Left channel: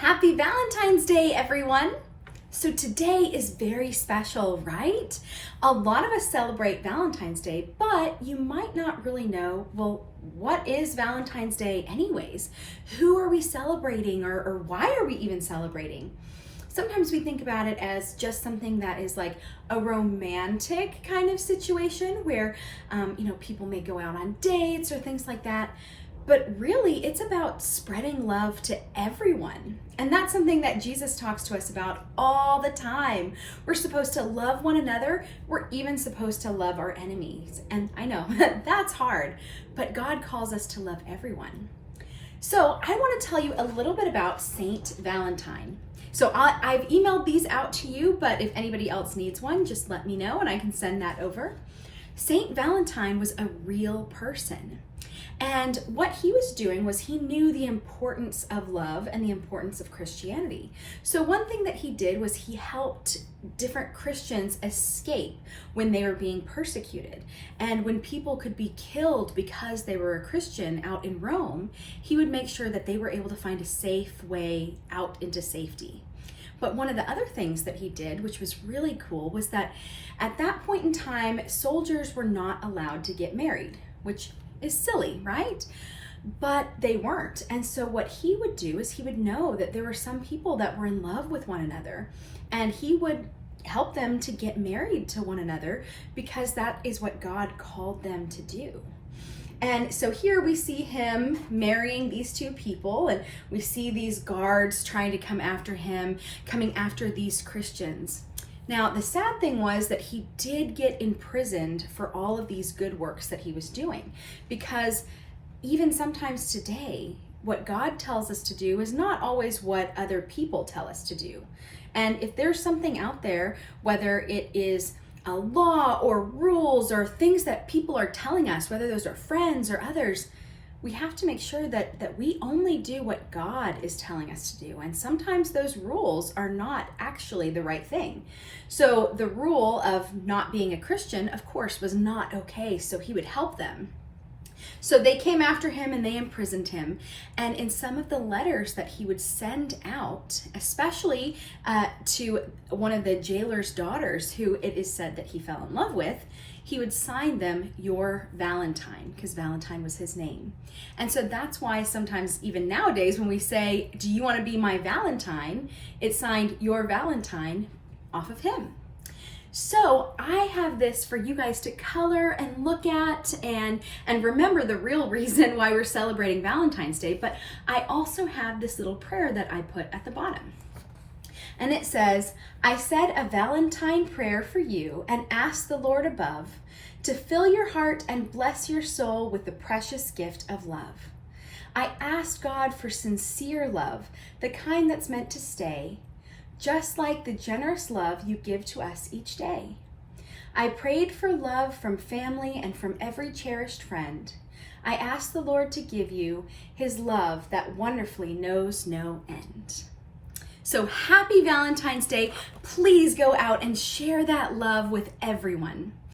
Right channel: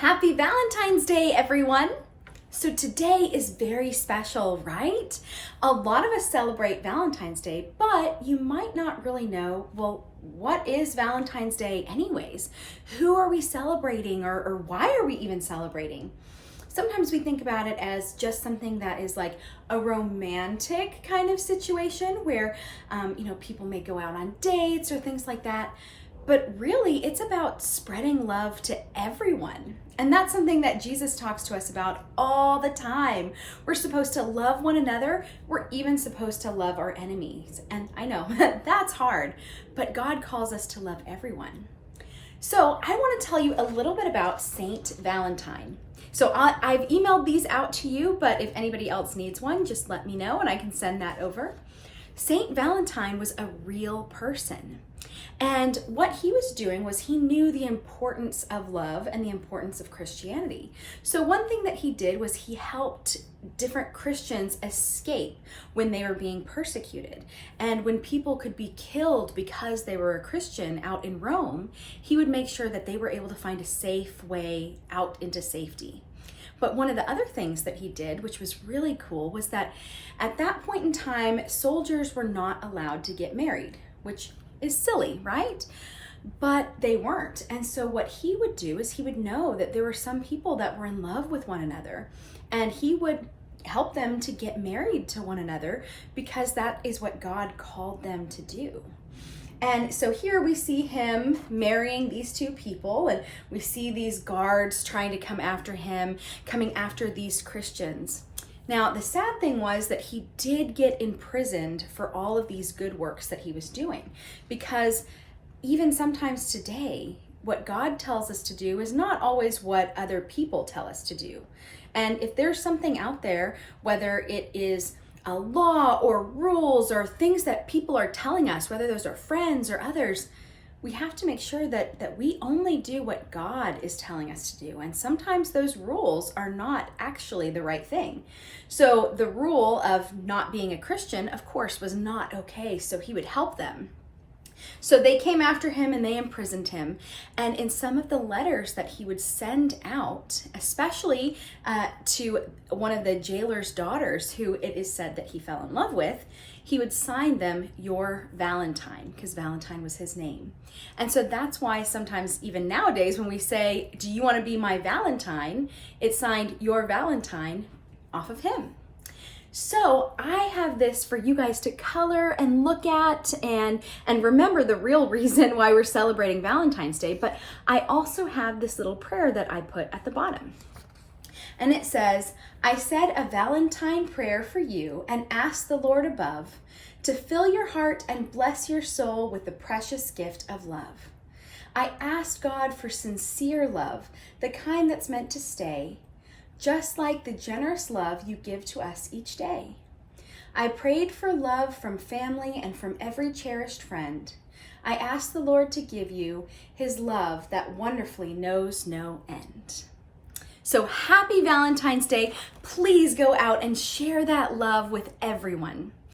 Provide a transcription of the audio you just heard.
Happy Valentine's Day, everyone! So today is very special, right? A lot of us celebrate Valentine's Day, but you might not really know, well, what is Valentine's Day anyways? Who are we celebrating or why are we even celebrating? Sometimes we think about it as just something that is like a romantic kind of situation where, people may go out on dates or things like that. But really, it's about spreading love to everyone. And that's something that Jesus talks to us about all the time. We're supposed to love one another. We're even supposed to love our enemies. And I know that's hard, but God calls us to love everyone. So I want to tell you a little bit about Saint Valentine. So I've emailed these out to you, but if anybody else needs one, just let me know and I can send that over. Saint Valentine was a real person. And what he was doing was he knew the importance of love and the importance of Christianity. So one thing that he did was he helped different Christians escape when they were being persecuted. And when people could be killed because they were a Christian out in Rome, he would make sure that they were able to find a safe way out into safety. But one of the other things that he did, which was really cool, was that at that point in time, soldiers were not allowed to get married, which is silly, right? But they weren't. And so what he would do is he would know that there were some people that were in love with one another, and he would help them to get married to one another because that is what God called them to do. And so here we see him marrying these two people, and we see these guards trying to come after him, coming after these Christians. Now, the sad thing was that he did get imprisoned for all of these good works that he was doing, because even sometimes today, what God tells us to do is not always what other people tell us to do. And if there's something out there, whether it is a law or rules or things that people are telling us, whether those are friends or others, we have to make sure that we only do what God is telling us to do. And sometimes those rules are not actually the right thing. So the rule of not being a Christian, of course, was not okay. So he would help them. So they came after him and they imprisoned him. And in some of the letters that he would send out, especially to one of the jailer's daughters, who it is said that he fell in love with, he would sign them "Your Valentine," because Valentine was his name. And so that's why sometimes even nowadays when we say, "Do you want to be my Valentine?" it's signed "Your Valentine" off of him. So I have this for you guys to color and look at and remember the real reason why we're celebrating Valentine's Day. But I also have this little prayer that I put at the bottom. And it says, "I said a Valentine prayer for you and asked the Lord above to fill your heart and bless your soul with the precious gift of love. I asked God for sincere love, the kind that's meant to stay, just like the generous love you give to us each day. I prayed for love from family and from every cherished friend. I asked the Lord to give you his love that wonderfully knows no end." So happy Valentine's Day. Please go out and share that love with everyone.